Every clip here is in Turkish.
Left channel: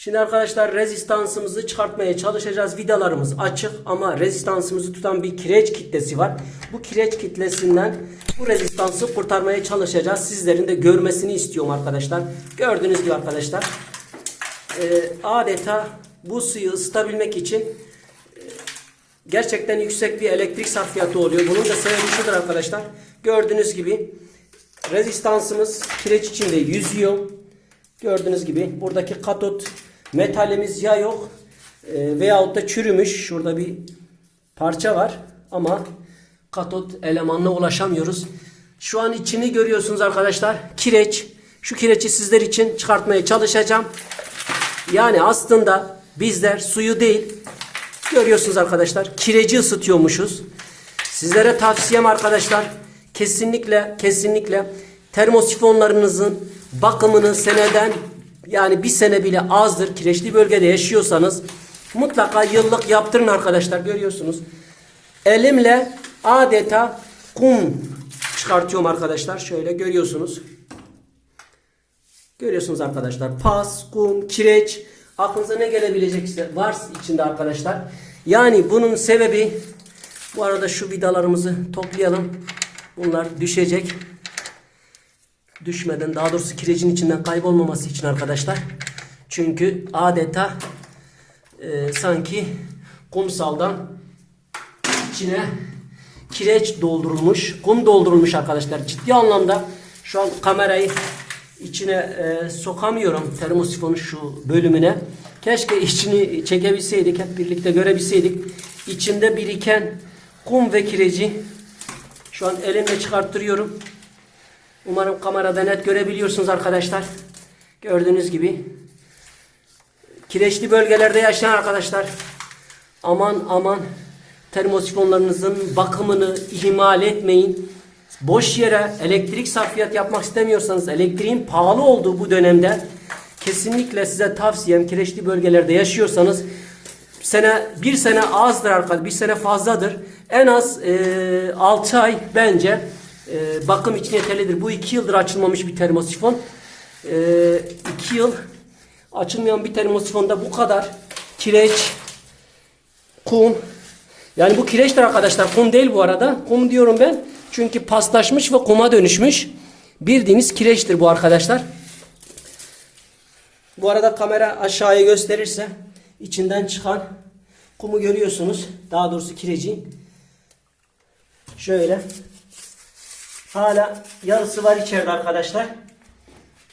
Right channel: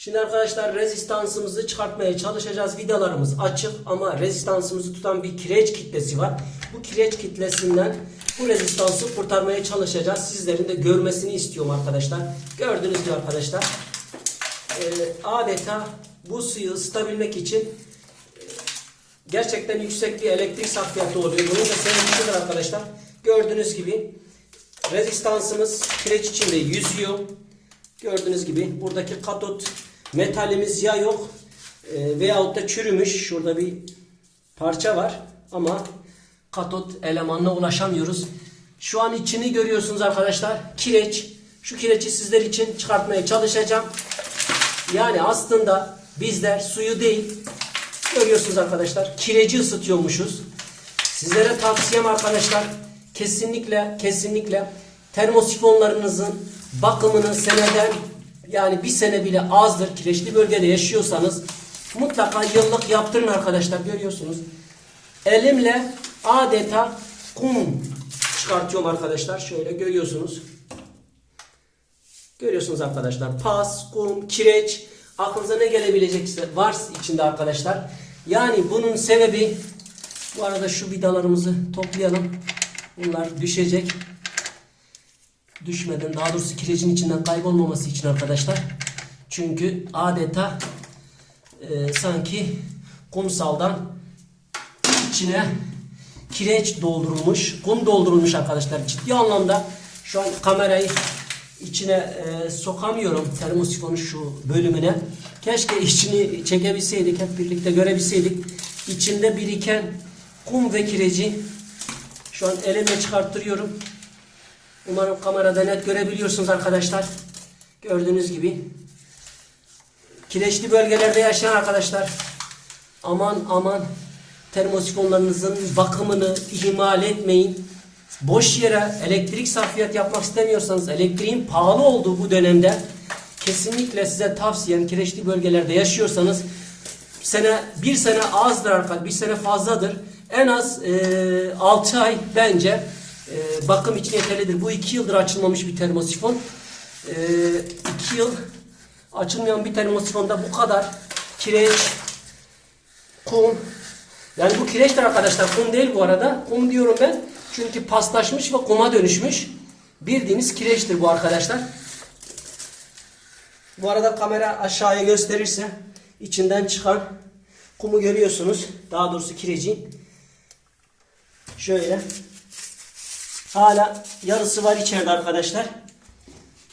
Şimdi arkadaşlar rezistansımızı çıkartmaya çalışacağız. Vidalarımız açık ama rezistansımızı tutan bir kireç kitlesi var. Bu kireç kitlesinden bu rezistansı kurtarmaya çalışacağız. Sizlerin de görmesini istiyorum arkadaşlar. Gördüğünüz gibi arkadaşlar e, adeta bu suyu ısıtabilmek için e, gerçekten yüksek bir elektrik sarfiyatı oluyor. Bunun da sebebi arkadaşlar. Gördüğünüz gibi rezistansımız kireç içinde yüzüyor. Gördüğünüz gibi buradaki katot metalimiz ya yok e, veyahut da çürümüş. Şurada bir parça var ama katot elemanına ulaşamıyoruz. Şu an içini görüyorsunuz arkadaşlar. Kireç. Şu kireçi sizler için çıkartmaya çalışacağım. Yani aslında bizler suyu değil görüyorsunuz arkadaşlar kireci ısıtıyormuşuz. Sizlere tavsiyem arkadaşlar kesinlikle kesinlikle termosifonlarınızın bakımını seneden yani bir sene bile azdır. Kireçli bölgede yaşıyorsanız mutlaka yıllık yaptırın arkadaşlar görüyorsunuz. Elimle adeta kum çıkartıyorum arkadaşlar. Şöyle görüyorsunuz. Görüyorsunuz arkadaşlar. Pas, kum, kireç aklınıza ne gelebilecekse var içinde arkadaşlar. Yani bunun sebebi bu arada şu vidalarımızı toplayalım. Bunlar düşecek. Düşmeden daha doğrusu kirecin içinden kaybolmaması için arkadaşlar. Çünkü adeta e, sanki kumsaldan içine kireç doldurulmuş, kum doldurulmuş arkadaşlar. Ciddi anlamda şu an kamerayı içine e, sokamıyorum termosifonun şu bölümüne. Keşke içini çekebilseydik, hep birlikte görebilseydik. İçinde biriken kum ve kireci şu an elimle çıkarttırıyorum. Umarım kamerada net görebiliyorsunuz arkadaşlar. Gördüğünüz gibi. Kireçli bölgelerde yaşayan arkadaşlar aman aman termosifonlarınızın bakımını ihmal etmeyin. Boş yere elektrik sarfiyat yapmak istemiyorsanız elektriğin pahalı olduğu bu dönemde kesinlikle size tavsiyem kireçli bölgelerde yaşıyorsanız sene bir sene azdır arkadaşlar bir sene fazladır. En az e, 6 ay bence e, bakım için yeterlidir. Bu 2 yıldır açılmamış bir termosifon. 2 e, yıl açılmayan bir termosifonda bu kadar kireç, kum. Yani bu kireçtir arkadaşlar. Kum değil bu arada. Kum diyorum ben. Çünkü paslaşmış ve kuma dönüşmüş. Bildiğiniz kireçtir bu arkadaşlar. Bu arada kamera aşağıya gösterirse içinden çıkan kumu görüyorsunuz. Daha doğrusu kireci. Şöyle. Hala yarısı var içeride arkadaşlar.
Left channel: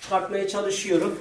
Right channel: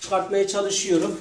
Çıkartmaya çalışıyorum.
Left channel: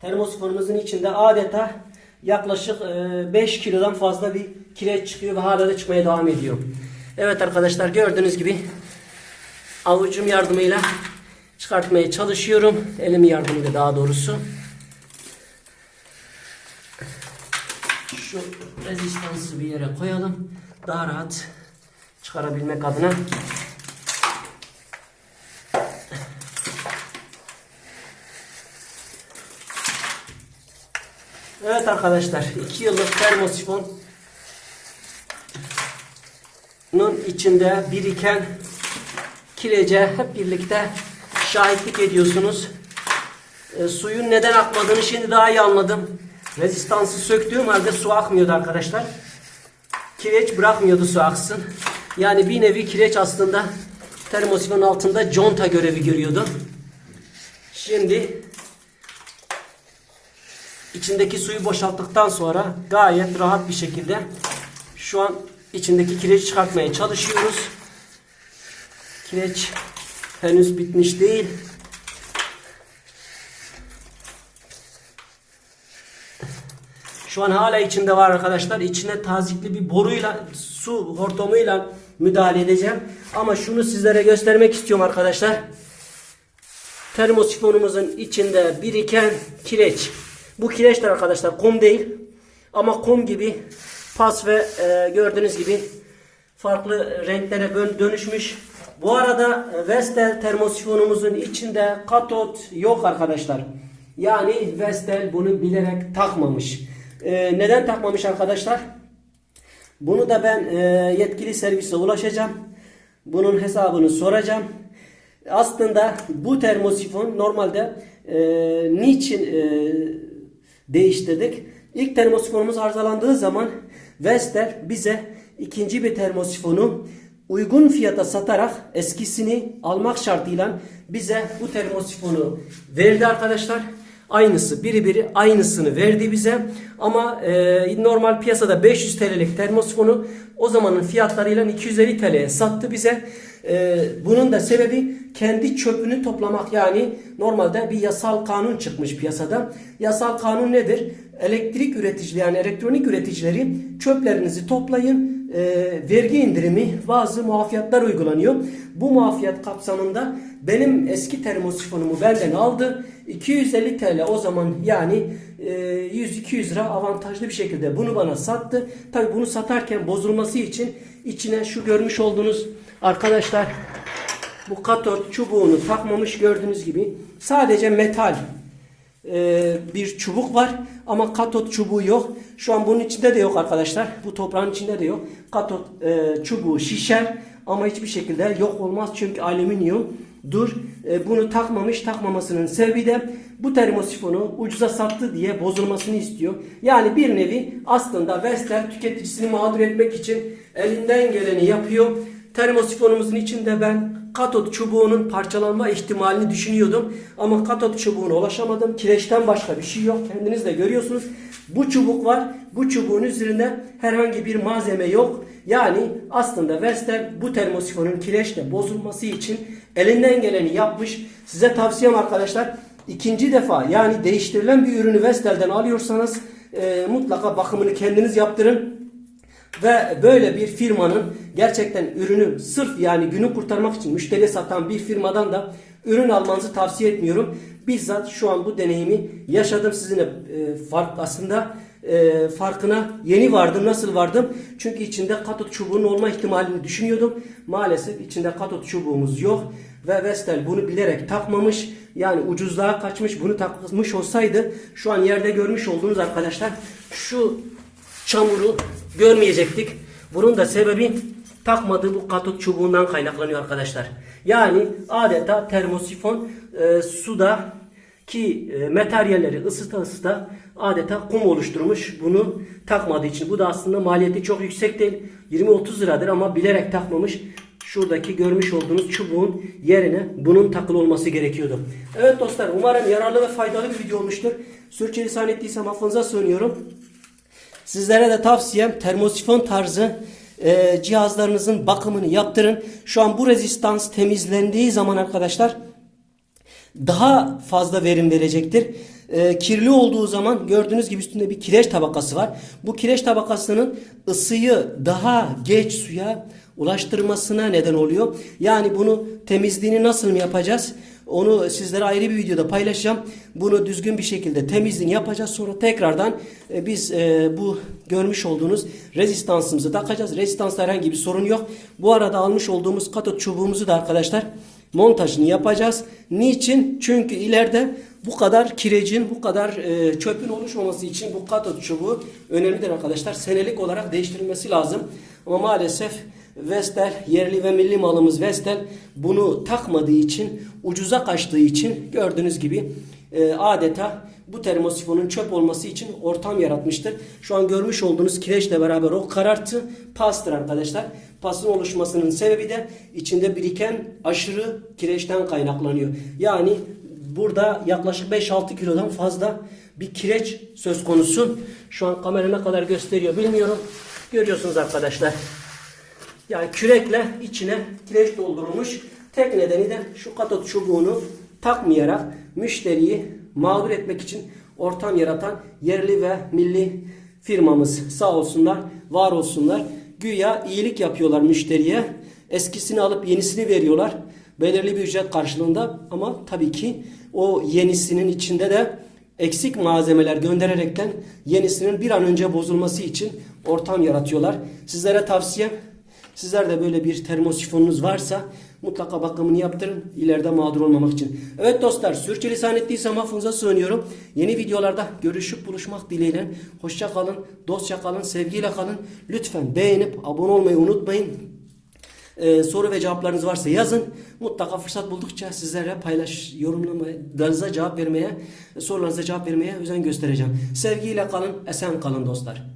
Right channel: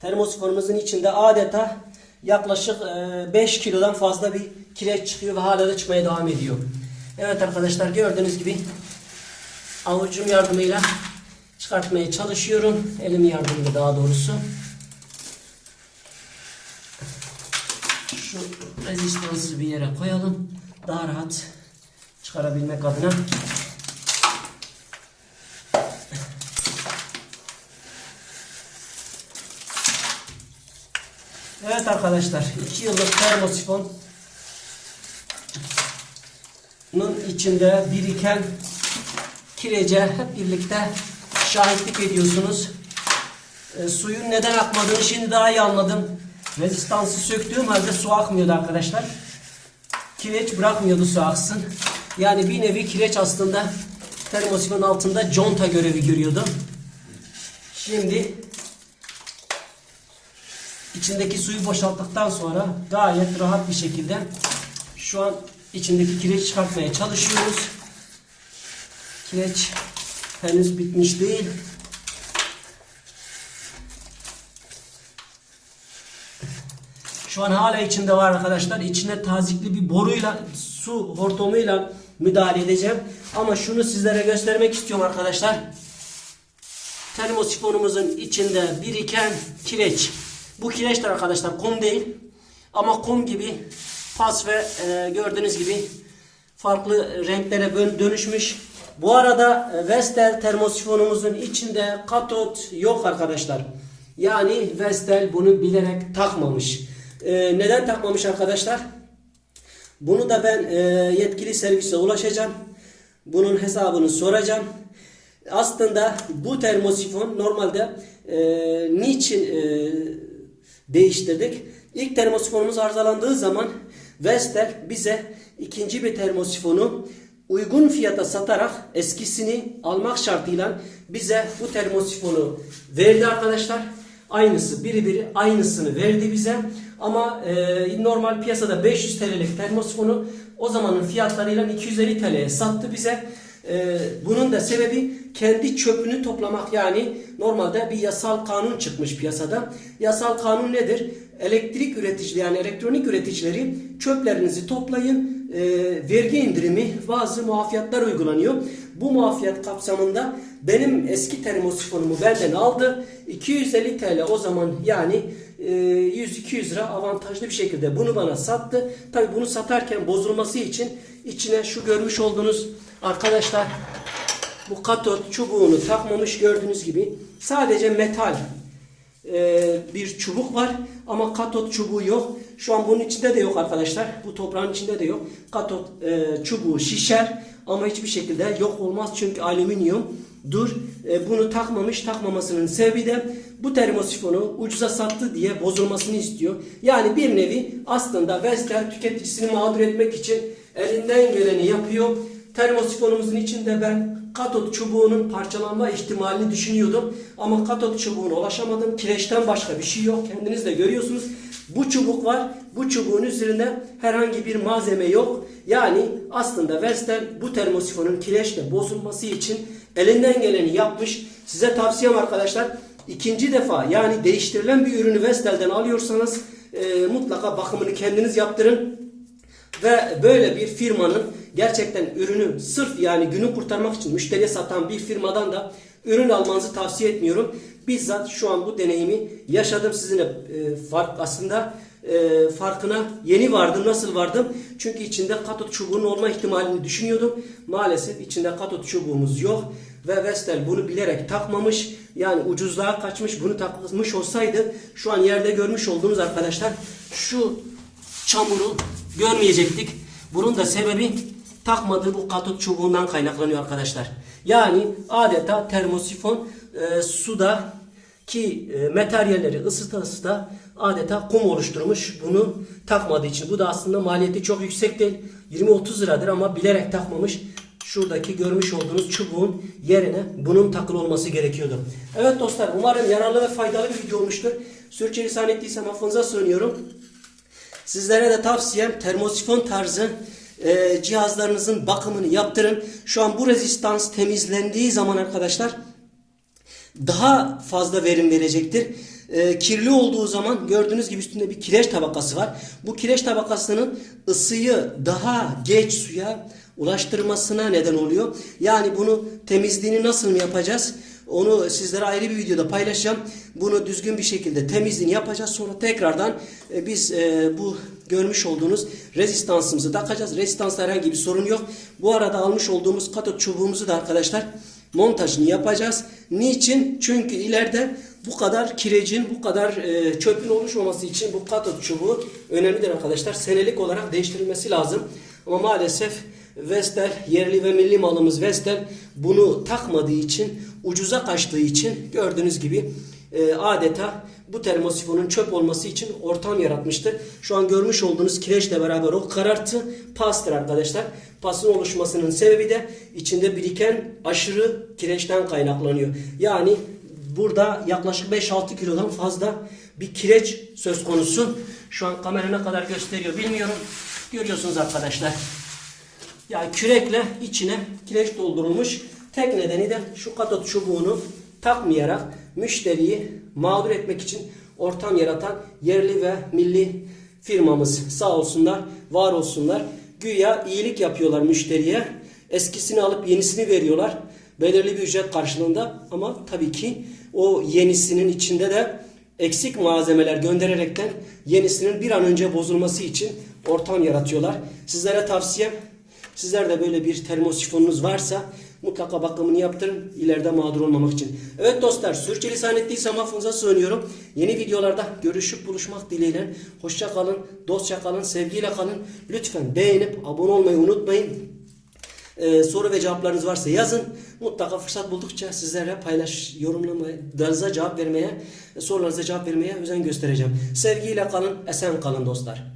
Termosifonumuzun içinde adeta yaklaşık 5 kilodan fazla bir kireç çıkıyor ve hala da çıkmaya devam ediyor. Evet arkadaşlar gördüğünüz gibi avucum yardımıyla çıkartmaya çalışıyorum. Elim yardımıyla daha doğrusu. Şu rezistansı bir yere koyalım. Daha rahat çıkarabilmek adına. Evet arkadaşlar 2 yıllık termosifon içinde biriken kirece hep birlikte şahitlik ediyorsunuz. E, suyun neden akmadığını şimdi daha iyi anladım. Rezistansı söktüğüm halde su akmıyordu arkadaşlar. Kireç bırakmıyordu su aksın. Yani bir nevi kireç aslında termosifonun altında conta görevi görüyordu. Şimdi içindeki suyu boşalttıktan sonra gayet rahat bir şekilde şu an içindeki kireç çıkartmaya çalışıyoruz. Kireç henüz bitmiş değil. Şu an hala içinde var arkadaşlar. İçine tazikli bir boruyla, su hortumuyla müdahale edeceğim. Ama şunu sizlere göstermek istiyorum arkadaşlar. Termosifonumuzun içinde biriken kireç. Bu kireçler arkadaşlar kum değil. Ama kum gibi pas ve e, gördüğünüz gibi farklı renklere dönüşmüş. Bu arada e, Vestel termosifonumuzun içinde katot yok arkadaşlar. Yani Vestel bunu bilerek takmamış. E, neden takmamış arkadaşlar? Bunu da ben e, yetkili servise ulaşacağım. Bunun hesabını soracağım. Aslında bu termosifon normalde e, niçin e, değiştirdik? İlk termosifonumuz arızalandığı zaman Vestel bize ikinci bir termosifonu uygun fiyata satarak eskisini almak şartıyla bize bu termosifonu verdi arkadaşlar. Aynısı biri biri aynısını verdi bize. Ama e, normal piyasada 500 TL'lik termosifonu o zamanın fiyatlarıyla 250 TL'ye sattı bize. E, bunun da sebebi kendi çöpünü toplamak yani normalde bir yasal kanun çıkmış piyasada. Yasal kanun nedir? Elektrik üreticileri yani elektronik üreticileri çöplerinizi toplayın e, vergi indirimi bazı muafiyatlar uygulanıyor. Bu muafiyat kapsamında benim eski termosifonumu benden aldı. 250 TL o zaman yani e, 100-200 lira avantajlı bir şekilde bunu bana sattı. Tabi bunu satarken bozulması için içine şu görmüş olduğunuz arkadaşlar bu katot çubuğunu takmamış gördüğünüz gibi sadece metal e, bir çubuk var ama katot çubuğu yok. Şu an bunun içinde de yok arkadaşlar. Bu toprağın içinde de yok. Katot e, çubuğu şişer ama hiçbir şekilde yok olmaz çünkü alüminyum. Dur e, bunu takmamış takmamasının sebebi de bu termosifonu ucuza sattı diye bozulmasını istiyor. Yani bir nevi aslında Vestel tüketicisini mağdur etmek için elinden geleni yapıyor. Termosifonumuzun içinde ben katot çubuğunun parçalanma ihtimalini düşünüyordum. Ama katot çubuğuna ulaşamadım. Kireçten başka bir şey yok. Kendiniz de görüyorsunuz. Bu çubuk var. Bu çubuğun üzerinde herhangi bir malzeme yok. Yani aslında Vestel bu termosifonun kireçle bozulması için elinden geleni yapmış. Size tavsiyem arkadaşlar ikinci defa yani değiştirilen bir ürünü Vestel'den alıyorsanız e, mutlaka bakımını kendiniz yaptırın. Ve böyle bir firmanın gerçekten ürünü sırf yani günü kurtarmak için müşteriye satan bir firmadan da ürün almanızı tavsiye etmiyorum. Bizzat şu an bu deneyimi yaşadım sizinle e, fark aslında e, farkına yeni vardım. Nasıl vardım? Çünkü içinde katot çubuğunun olma ihtimalini düşünüyordum. Maalesef içinde katot çubuğumuz yok ve Vestel bunu bilerek takmamış. Yani ucuzluğa kaçmış. Bunu takmış olsaydı şu an yerde görmüş olduğunuz arkadaşlar şu çamuru görmeyecektik. Bunun da sebebi takmadığı bu katot çubuğundan kaynaklanıyor arkadaşlar. Yani adeta termosifon e, suda ki e, materyalleri ısıta ısıta adeta kum oluşturmuş bunu takmadığı için. Bu da aslında maliyeti çok yüksek değil. 20-30 liradır ama bilerek takmamış. Şuradaki görmüş olduğunuz çubuğun yerine bunun takılı olması gerekiyordu. Evet dostlar umarım yararlı ve faydalı bir video olmuştur. Sürçülisan ettiysem affınıza sığınıyorum. Sizlere de tavsiyem termosifon tarzı e, cihazlarınızın bakımını yaptırın. Şu an bu rezistans temizlendiği zaman arkadaşlar daha fazla verim verecektir. E, kirli olduğu zaman gördüğünüz gibi üstünde bir kireç tabakası var. Bu kireç tabakasının ısıyı daha geç suya ulaştırmasına neden oluyor. Yani bunu temizliğini nasıl yapacağız? Onu sizlere ayrı bir videoda paylaşacağım. Bunu düzgün bir şekilde temizliğini yapacağız. Sonra tekrardan e, biz e, bu görmüş olduğunuz rezistansımızı takacağız. Rezistansta herhangi bir sorun yok. Bu arada almış olduğumuz katot çubuğumuzu da arkadaşlar montajını yapacağız. Niçin? Çünkü ileride bu kadar kirecin, bu kadar e, çöpün oluşmaması için bu katot çubuğu önemlidir arkadaşlar. Senelik olarak değiştirilmesi lazım. Ama maalesef Vestel yerli ve milli malımız Vestel bunu takmadığı için ucuza kaçtığı için gördüğünüz gibi e, adeta bu termosifonun çöp olması için ortam yaratmıştır. Şu an görmüş olduğunuz kireçle beraber o karartı pastır arkadaşlar. Pasın oluşmasının sebebi de içinde biriken aşırı kireçten kaynaklanıyor. Yani burada yaklaşık 5-6 kilodan fazla bir kireç söz konusu. Şu an kamera ne kadar gösteriyor bilmiyorum. Görüyorsunuz arkadaşlar. Yani kürekle içine kireç doldurulmuş. Tek nedeni de şu katot çubuğunu takmayarak müşteriyi mağdur etmek için ortam yaratan yerli ve milli firmamız sağ olsunlar, var olsunlar. Güya iyilik yapıyorlar müşteriye. Eskisini alıp yenisini veriyorlar. Belirli bir ücret karşılığında ama tabii ki o yenisinin içinde de eksik malzemeler göndererekten yenisinin bir an önce bozulması için ortam yaratıyorlar. Sizlere tavsiyem Sizler de böyle bir termosifonunuz varsa mutlaka bakımını yaptırın ileride mağdur olmamak için. Evet dostlar sürçülisan ettiysem affınıza sığınıyorum. Yeni videolarda görüşüp buluşmak dileğiyle. Hoşça kalın, dostça kalın, sevgiyle kalın. Lütfen beğenip abone olmayı unutmayın. Ee, soru ve cevaplarınız varsa yazın. mutlaka fırsat buldukça sizlerle paylaş, yorumlarınıza cevap vermeye, sorularınıza cevap vermeye özen göstereceğim. Sevgiyle kalın, esen kalın dostlar.